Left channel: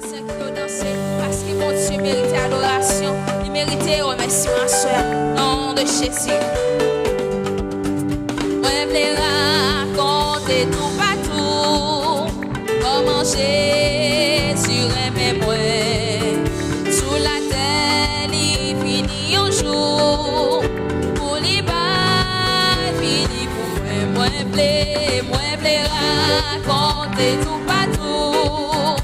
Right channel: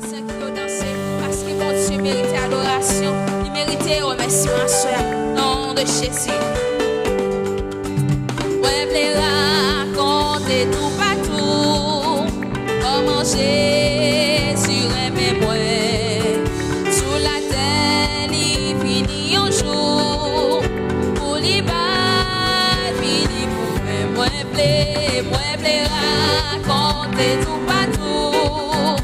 voisins qui ont dansé parce que mon Dieu méritait adoration. Il méritait remerciement, soeur. Nom de Jésus. Moi, je vais raconter tout partout comment Jésus aimait moi. Sous la terre, il finit un jour pour les bas, fini pour moi. Moi, je vais raconter tout partout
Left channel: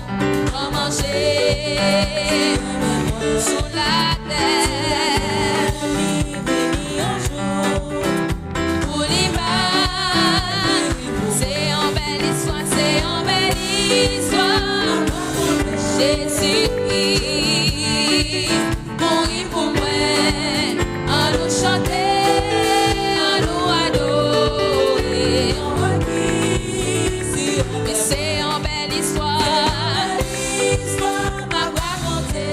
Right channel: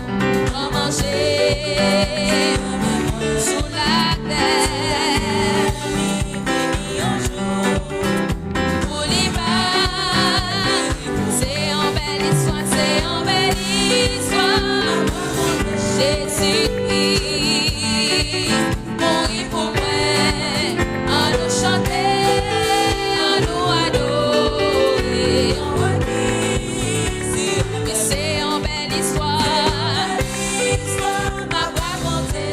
comment Jésus sous la terre, il finit un jour pour les bas. C'est en belle histoire, c'est en belle histoire. Jésus-Christ mourit pour moi. En nous chanter, en nous adorer. Mais c'est en belle histoire, m'a raconté.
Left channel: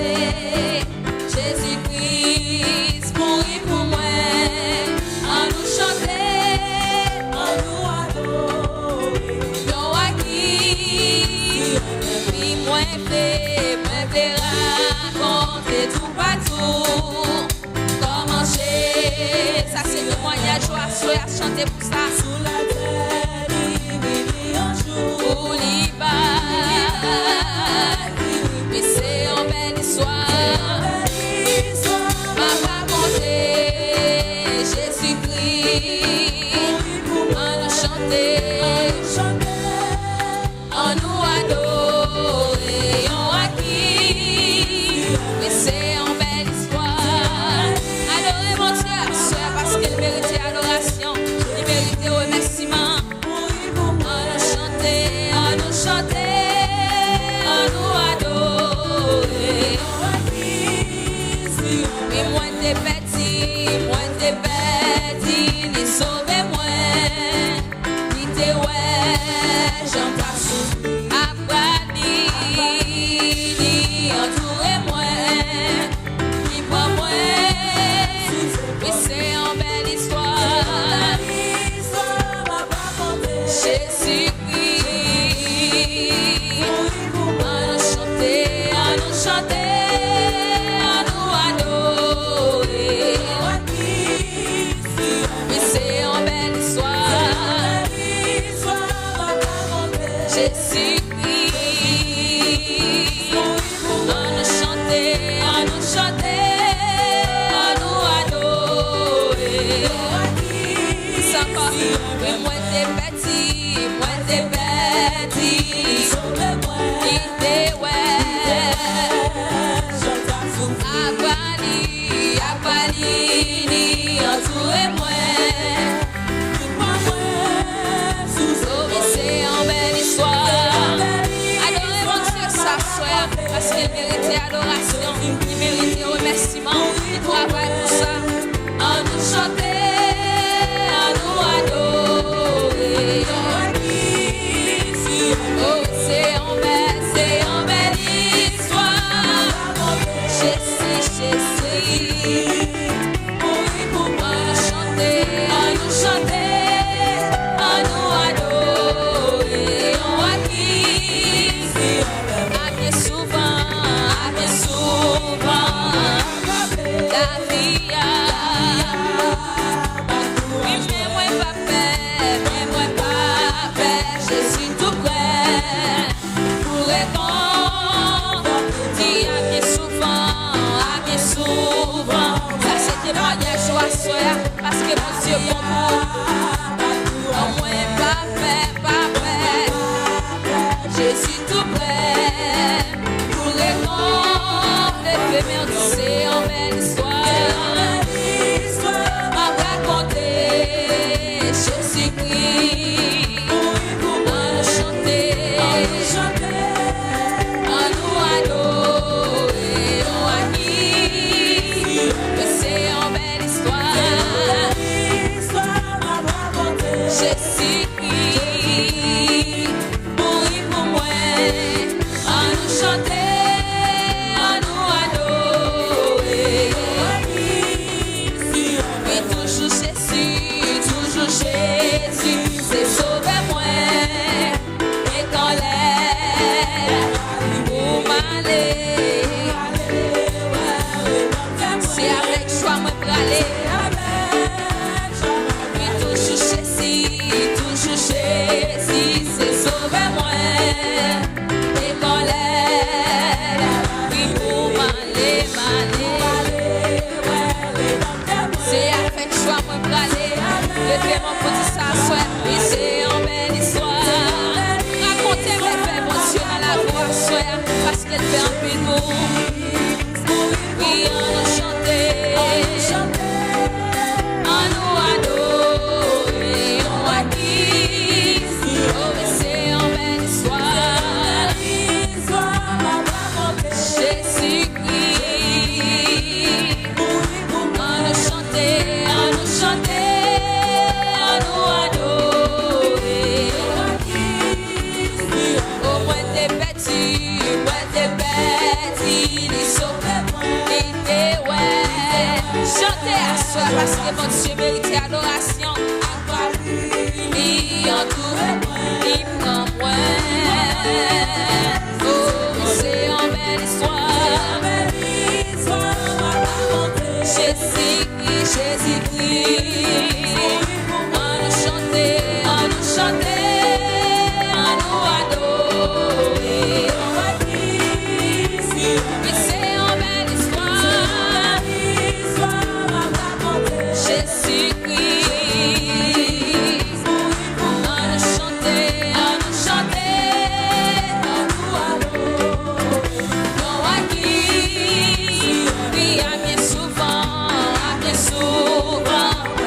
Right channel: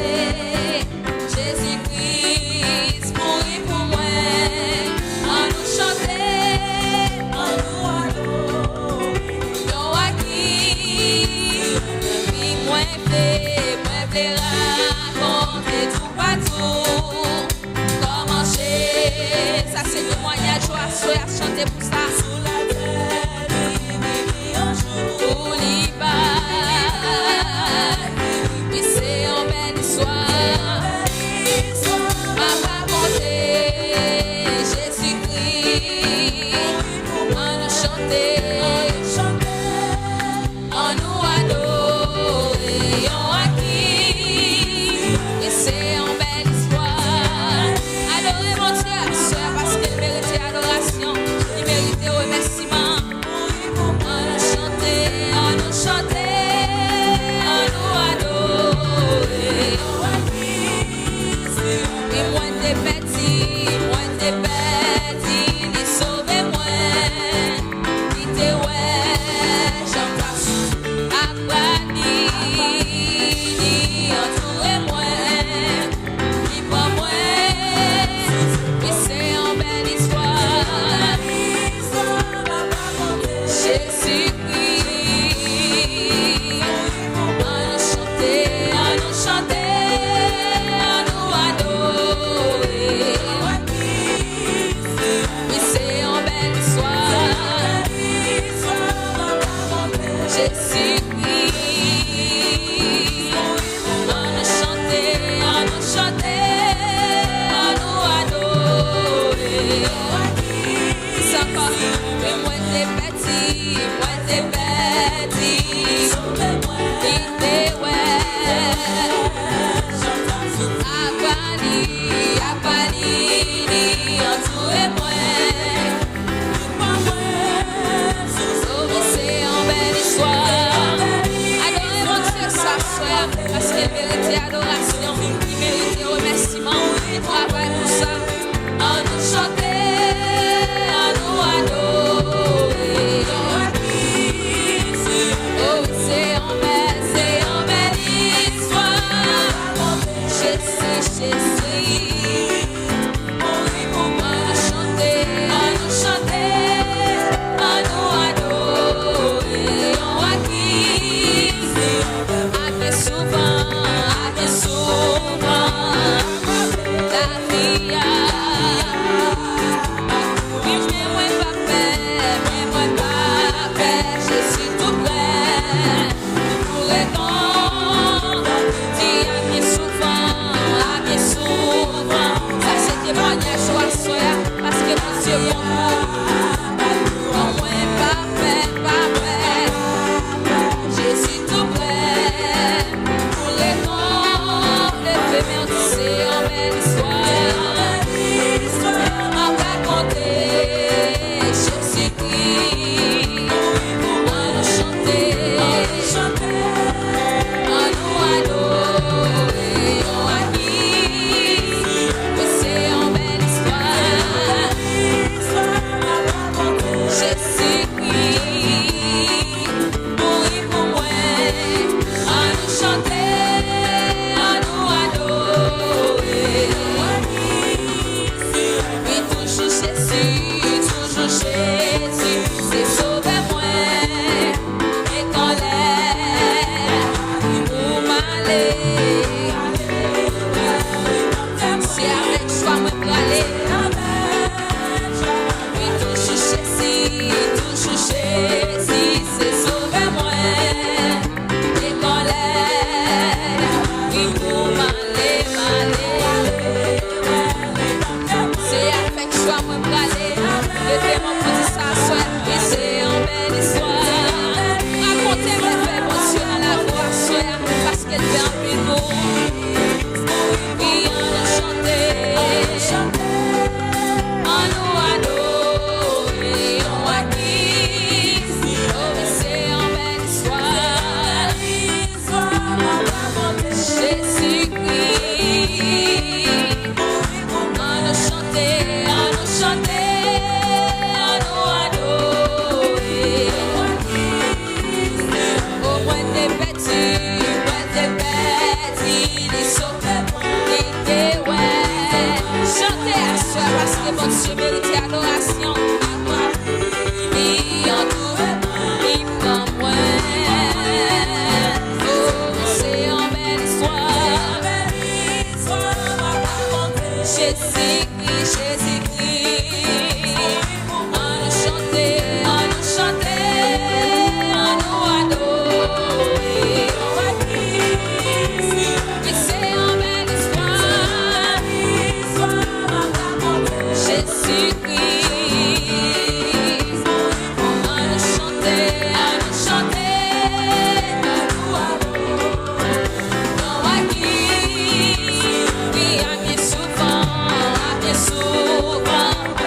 Jésus-Christ mourit pour moi. En nous chanter, en nous adorer. Yo qui, oui, moi plaît raconter tout partout. Comment j'ai, ça c'est le témoignage, je à chanter pour ça. Sous la terre, il vit un jour. Pour l'Ibar, oui c'est en belle histoire. M'a raconté Jésus-Christ. En nous chanter, en nous adorer. En acquis, oui c'est en belle histoire. Adorez mon Dieu, soeur, parce qu'il méritait adoration. Il méritait remerciement. En nous chanter, en nous adorer. Oui, moi t'es petit, il sauve moi. Il t'est ouais, j'en passe. Après, il entoure moi. Il prend moi. Oui, c'est en belle histoire. Jésus-Christ. En nous chanter, en nous adorer. Oui, c'est en belle histoire. Jésus-Christ. En nous chanter, en nous adorer. C'est encore, mais moi t'es petit, il t'est ouais. Apali, entourez-moi. Oh oui, c'est en belle histoire. Adorez mon Dieu, sa soeur, parce qu'il méritait adoration, il méritait remerciement, il travaille pour ça. En nous chanter, en nous adorer. Oh oui, c'est en belle histoire. Jésus. En nous chanter, en nous adorer. On a qui, bien souvent, la vie a. Oui, mais moi pas peur, Jésus tout près. Pour répondre, dis à bien souvent. Ça c'est témoignage à soi, parce que mon Dieu pour vous. Non, moi pas peur, Jésus tout près. Pour répondre, les femmes c'est en belle histoire. M'a raconté Jésus-Christ. En nous chanter, en nous adorer. On a qui, mais c'est en belle histoire. Jésus-Christ, mourir pour moi. Levez mon pour dire ça, soir. Et c'est une belle histoire. Racontez mes faits, bon Dieu, dans la voix, soir. Parce qu'elle fait un peu de mots. Oui, on nous chanter. On nous adorer. On a qui. Oh, et c'est une belle histoire. Jésus-Christ. On nous chanter. On nous chanter. Parce que mon Dieu mérite adoration. Il entoure, il prend moins. Oh, c'est une belle histoire. Jésus-Christ, Jésus-Christ. On nous chanter, on nous chanter, on nous adorer. Oui, c'est une belle histoire. Jésus-Christ, on nous chanter, on nous adore. Non, à qui, oui, à bien souvent,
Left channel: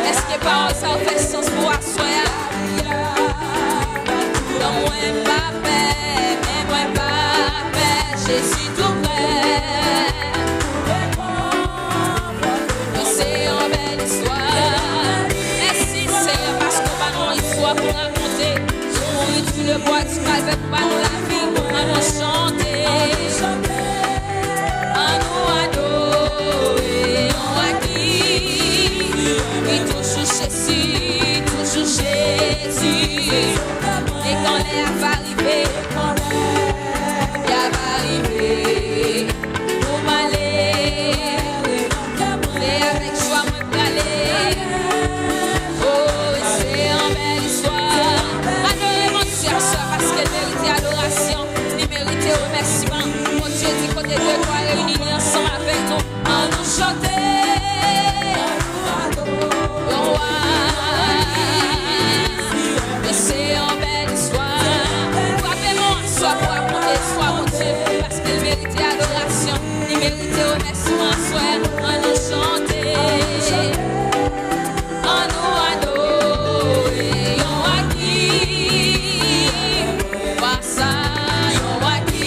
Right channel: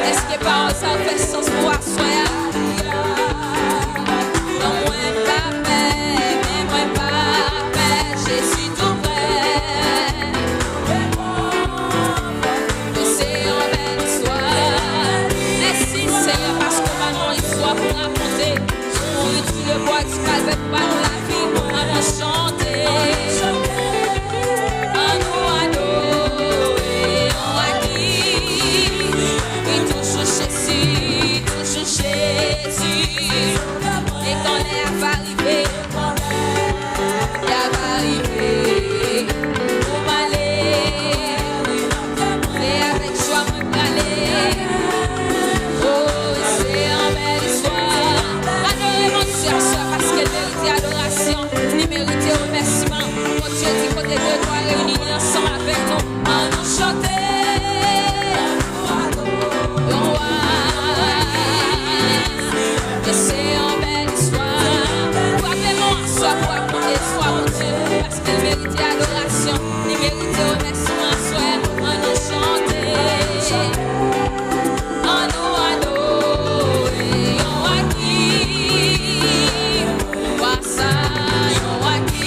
est-ce que parole ça fait sens pour asseoir? Non, moi pas paix, mais moi pas paix, Jésus tout près. Pour raconter, tu le bois du calvaire pour nous la vie, à nous chanter, à nous adorer, on a qui, et toujours Jésus, et quand l'air va arriver, il va arriver, pour m'aller, et avec joie, moi pour aller, oh, c'est en belle histoire. Adorez mon Dieu, parce qu'elle mérite adoration, il mérite remerciement. Mon Dieu dit côté de toi réunis ensemble avec nous, en nous chanter. Et c'est en belle histoire. Frappez-moi, soit pour raconter, soit mon Dieu, parce qu'elle mérite adoration, il mérite remerciement, soit en nous chanter. En nous adorer, on a qui, ça, on a qui,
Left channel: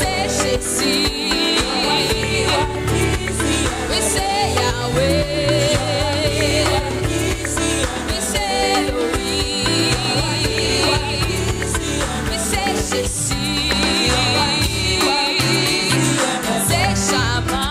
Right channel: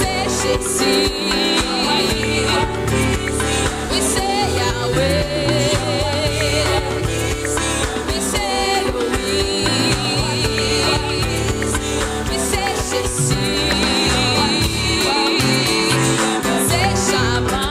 c'est Jésus, oui c'est Yahweh, oui c'est Elohim, oui c'est Jésus, c'est Shabbat.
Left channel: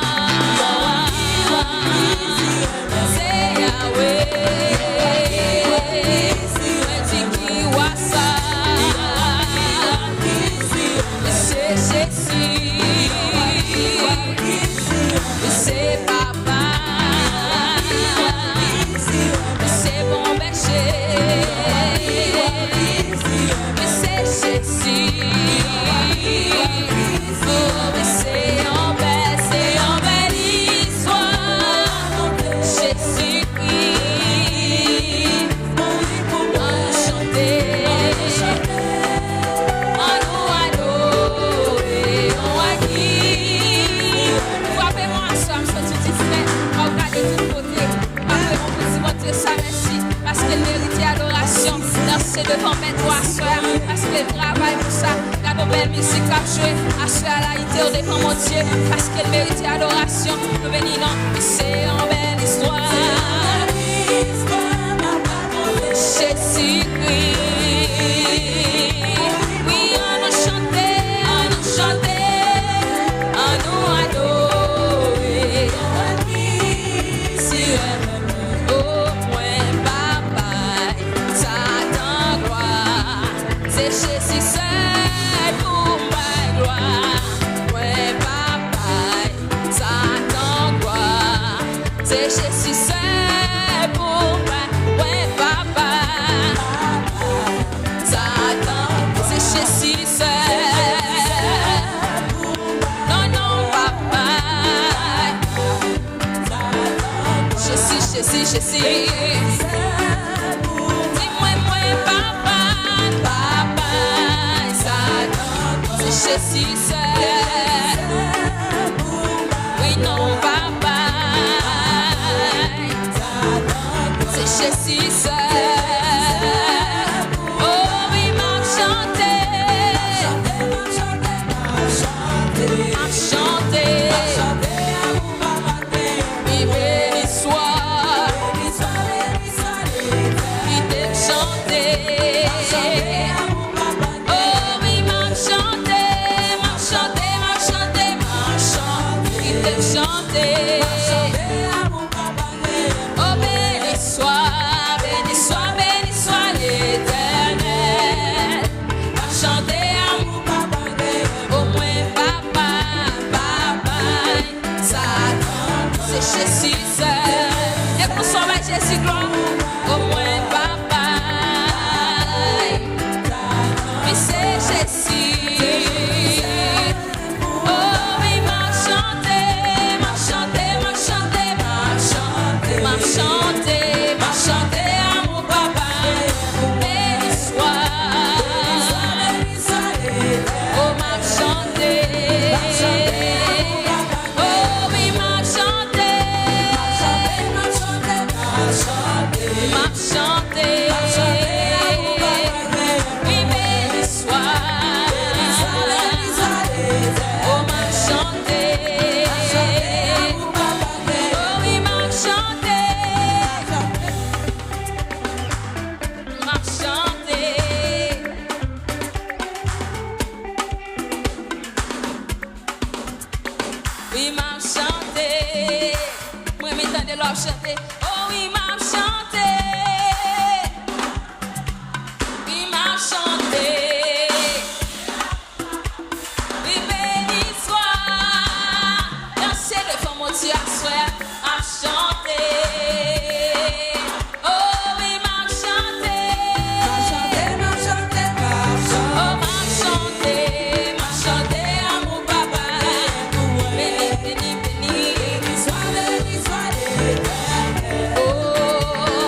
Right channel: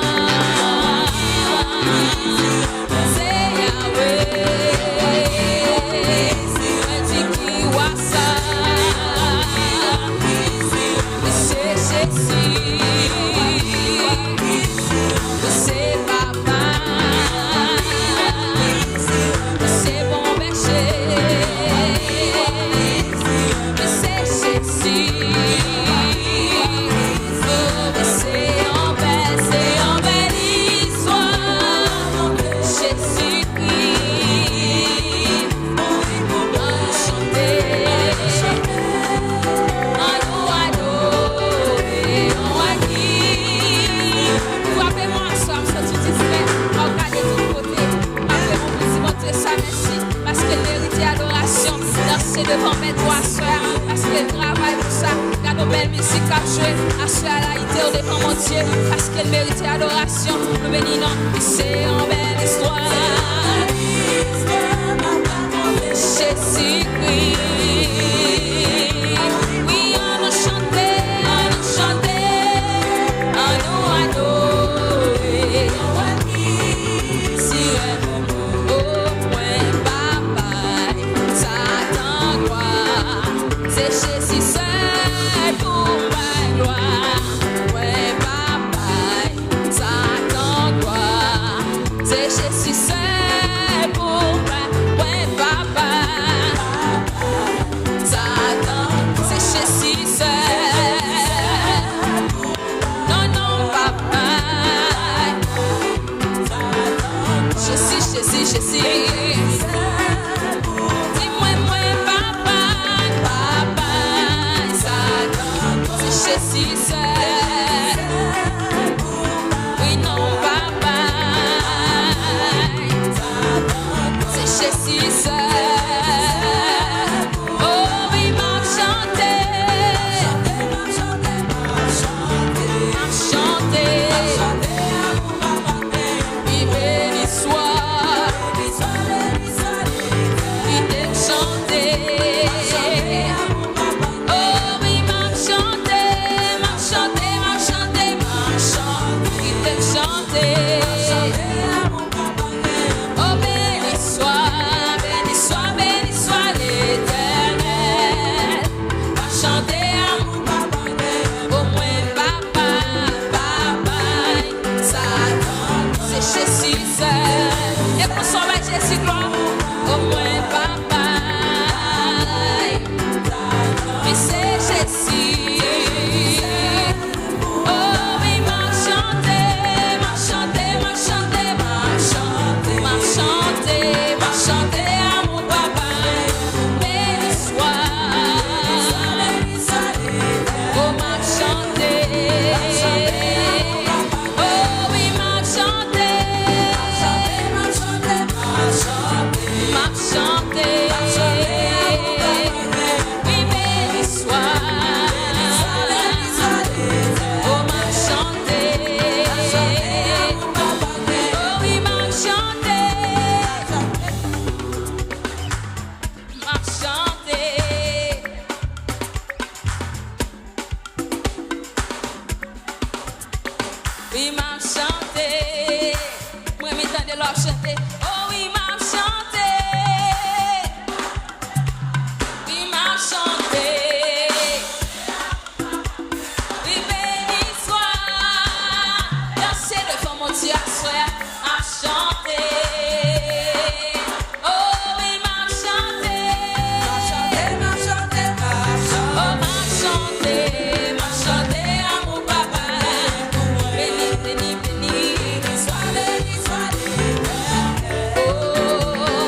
Danser devant mes doigts, soeur, parce qu'elle travaille pour ça. Regarde nos belles musiques à jouer, assurer à la hauteur devant mon Dieu, parce qu'elle mérite adoration. Nous bénissons, c'est une belle histoire. Jésus-Christ, oui, on nous chanter, on nous adorer. Si au moins papa, ça gloire, c'est Jésus seul pour ma gloire. Ouais, papa, ça gloire, c'est Jésus seul pour ma, ouais, papa, ça c'est Jésus seul. Non, non, papa, Jésus, Jésus. Dis-moi, papa, ça. C'est Jésus seul. Oui, non, papa. C'est Jésus seul. Jésus gloire, au moins papa, mais c'est Jésus. Oh oui, m'a chanté à mon papa. Béni soit, oh m'a chanté. Oui, m'a chanté. Moi, m'entendez l'homme chanter. Oh oui, m'a chanté. Oui, m'a chanté. Oui, béni soit. Dansez devant mon Dieu à soi. M'a chanté. Oh oui, m'a chanté. M'a chanté. Oh, m'a chanté. M'a chanté à mon papa. Béni soit l'éternel. Oh,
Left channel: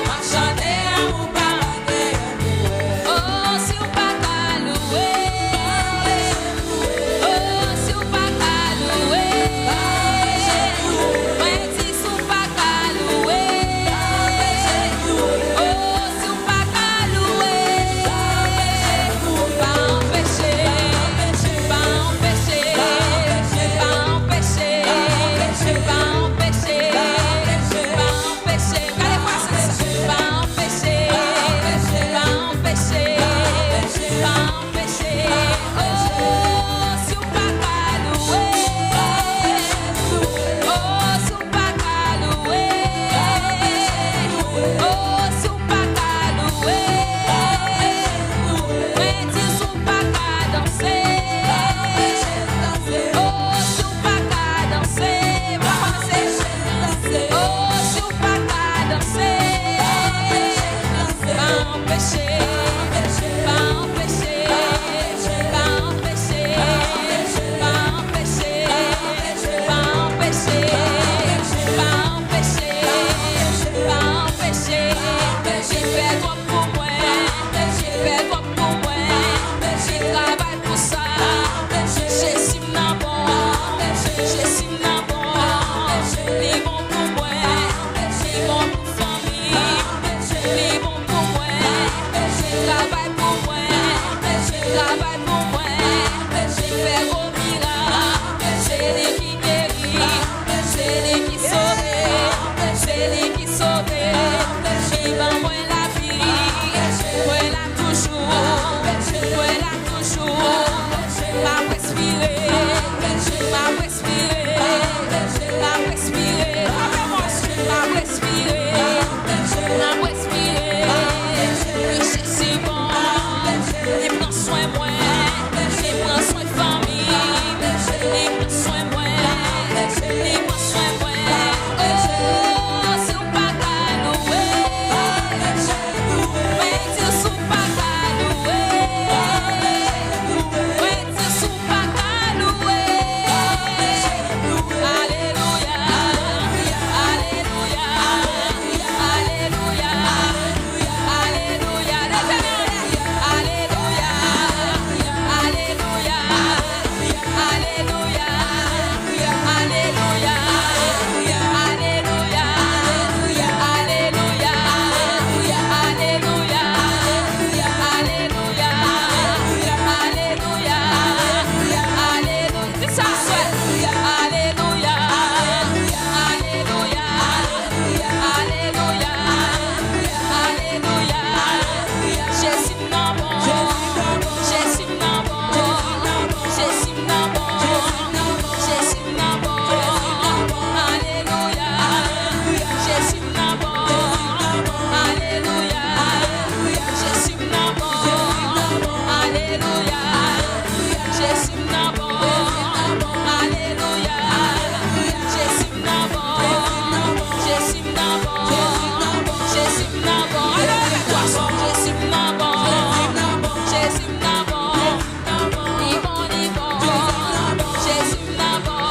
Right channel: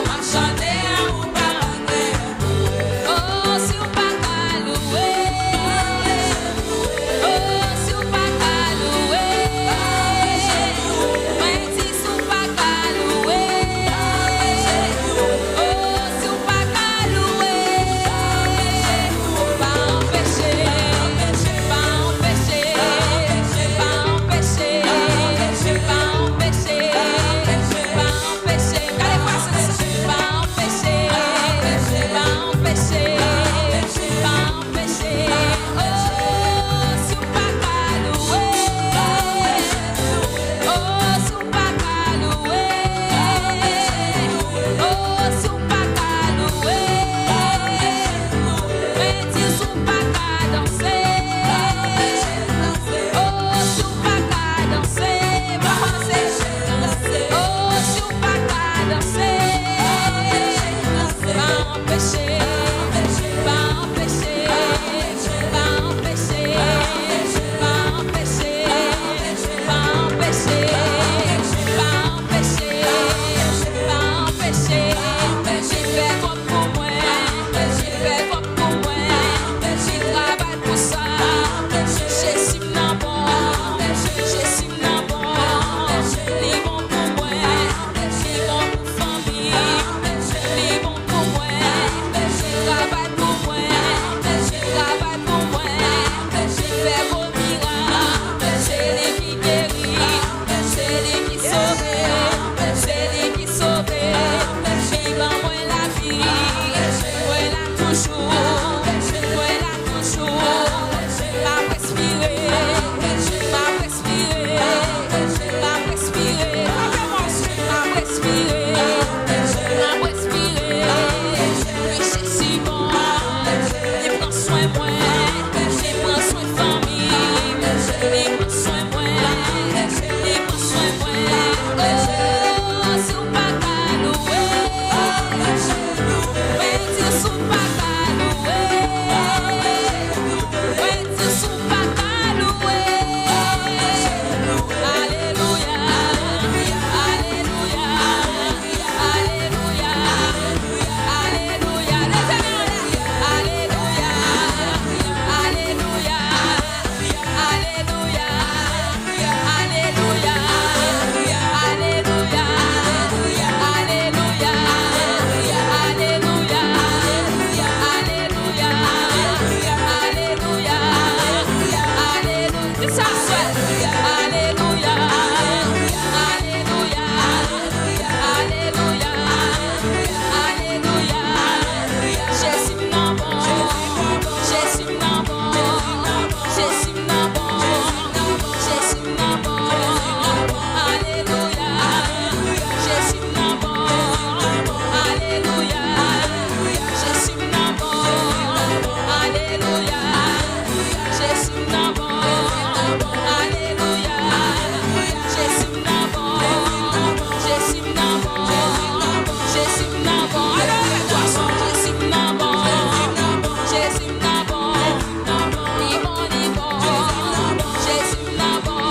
Jésus n'a bon,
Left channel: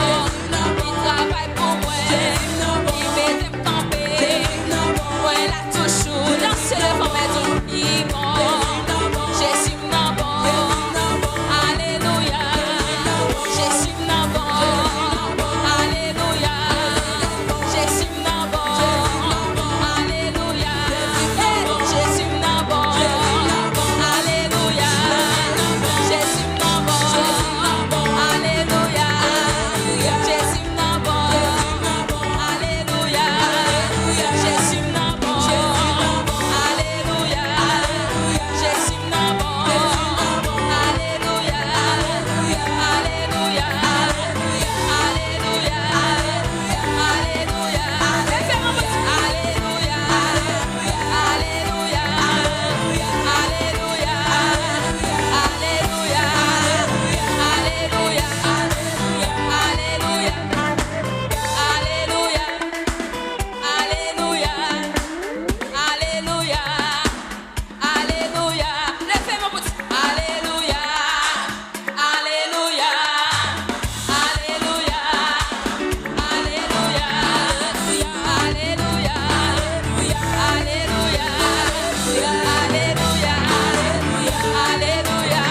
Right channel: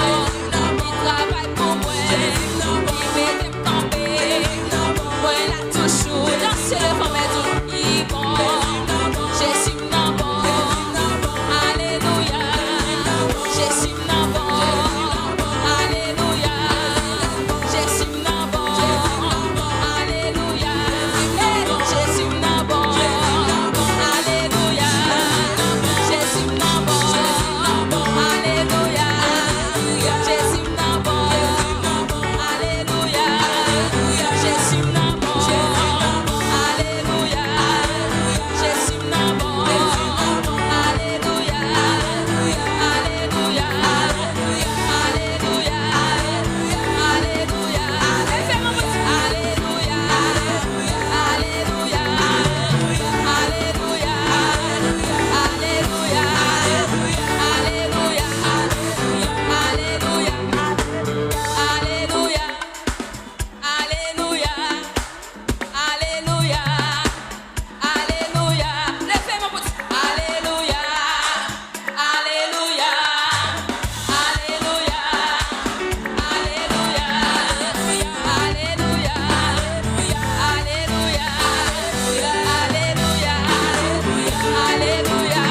il travaille pour moi, il m'aide à camper, moi là toujours, danser le vent, il est bon, Jésus n'a bon, alléluia, Jésus n'a bon, alléluia, Jésus n'a bon, alléluia, Jésus n'a bon, alléluia, Jésus n'a bon, alléluia, Jésus n'a bon, alléluia, Jésus n'a bon, alléluia, Jésus n'a bon, alléluia, alléluia, alléluia, alléluia, alléluia, alléluia, alléluia, alléluia, alléluia, alléluia, alléluia, alléluia, alléluia. Levez mon petit. Alléluia, alléluia, alléluia, alléluia, alléluia, alléluia, alléluia, alléluia.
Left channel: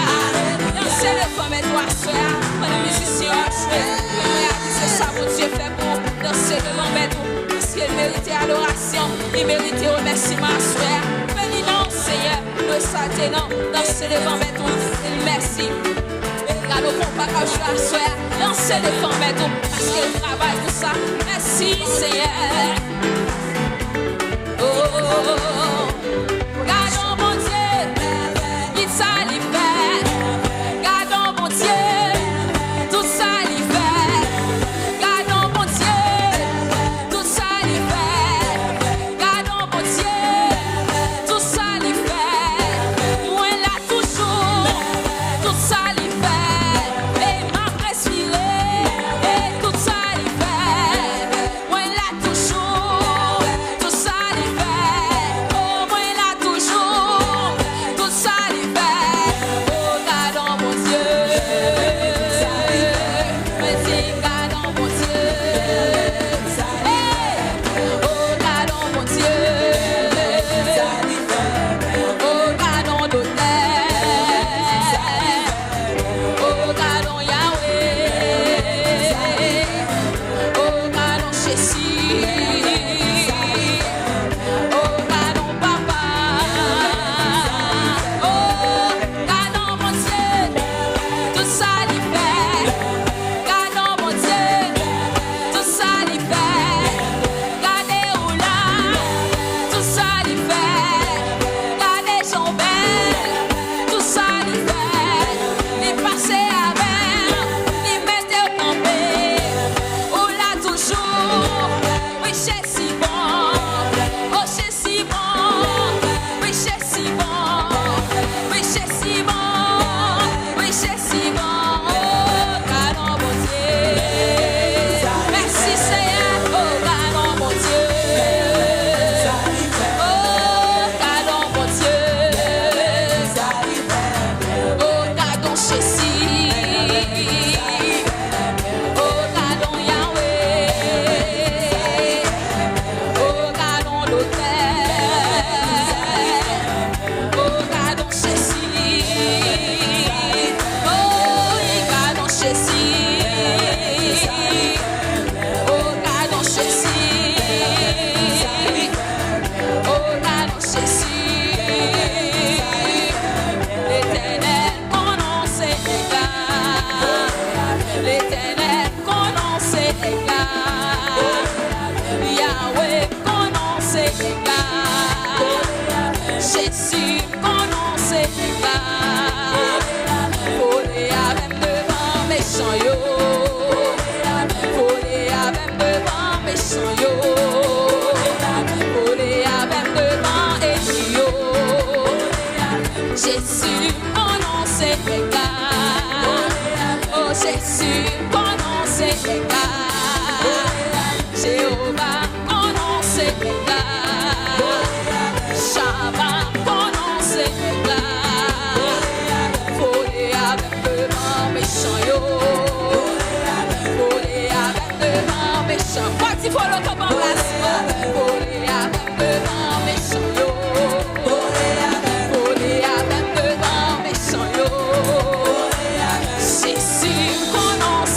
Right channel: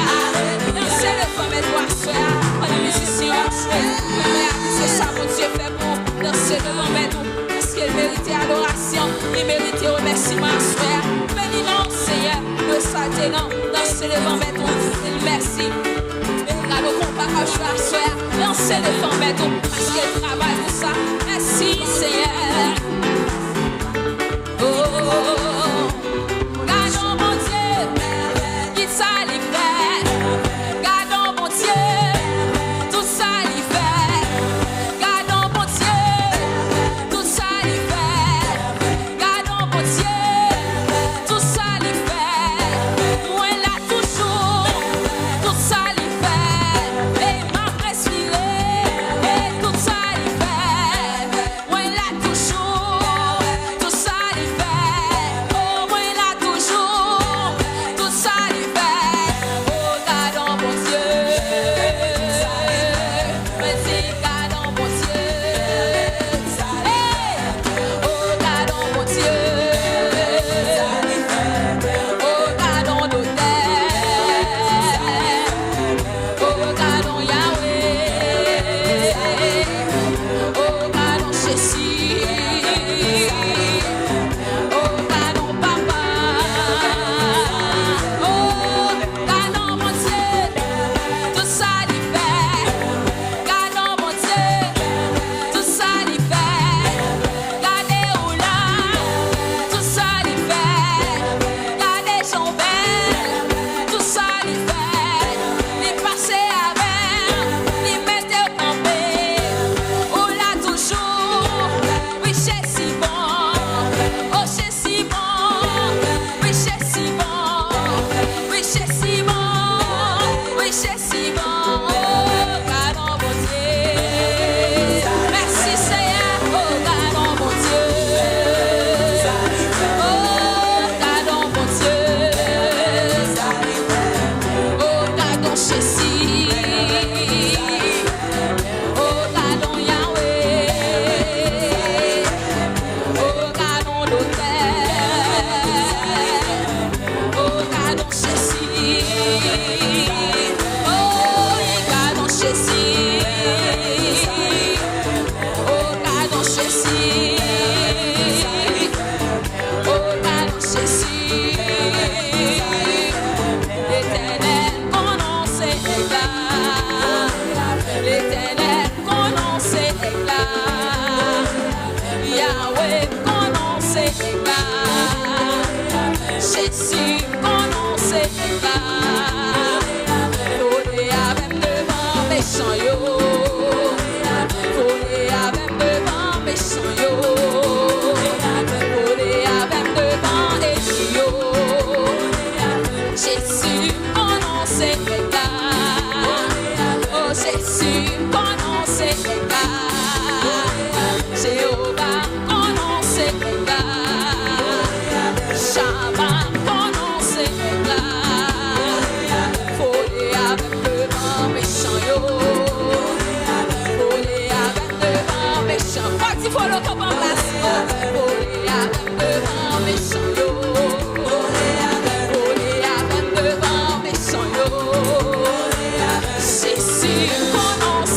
Dansez le femme et toi, soeur. On a musicien à jouer. Même réaliser ça, mon Dieu fait pour danser devant mes doux. Parce qu'il méritait adoration, il méritait remerciement, soeur. Bénis non, Seigneur, le saté non, danser devant mes doux. Il merci. Regarde au combat quand je suis à soeur. Dansez devant mes doux. Parce qu'il travaille pour ça. Merci, Seigneur. Oh, gardons mon Dieu, il s'allie fait. Gardons mon Dieu, tout ça l'y fait. Gardons mon Dieu, tout ça l'y fait. Gardons mon Dieu, tout ça l'y fait. Moi là toujours, tout ça l'y fait. Et m'a respiré, et tout ça l'y fait. Moi là toujours, tout ça l'y fait. Oh, moi là toujours, tout ça l'y fait. Oh, gardons mon Dieu. Merci, gardons mon Dieu. Hey! Oh, gardons mon Dieu. Oh, gardons nos terres. Oh, gardons Yahweh. Oh, gardons Jésus. Oh, gardons Papa. Oh, gardons mon Dieu. Tout ça l'y fait. Gardons mon Dieu. Tout ça l'y fait. Gardez où là. Tout ça l'y fait. Gardez son bel. Tout ça l'y fait. Les passer avec. Les mettre au campé. Où là toujours. Oui, c'est si bon. Oh, c'est si bon. Oui, c'est si bon. Oui, c'est si bon. Oui, c'est si bon. Oh, gardons mon Dieu. Merci Seigneur. Oh, gardons mon Dieu. Oh, gardons mon Dieu. Oh, gardons Jésus. Oh, gardons Yahweh. Oh, gardons l'autel. Oh, gardons Jésus. Oh, gardons Jésus. Oh, gardons Jésus. Oh, gardons Jésus. L'Éternel, qu'on en sait éclat. L'Éternel, qu'on en sait éclat. Yahweh, qu'on en sait éclat. Jésus, qu'on en sait éclat. Folé avec devant méchant yo. Folé avec devant méchant yo. Folé avec devant ennemi yo. Jésus, qu'on en sait éclat. Oh Jésus, qu'on en sait éclat. Jéhovah, qu'on en sait éclat. Shabbat, qu'on en sait éclat. Folé avec devant méchant yo.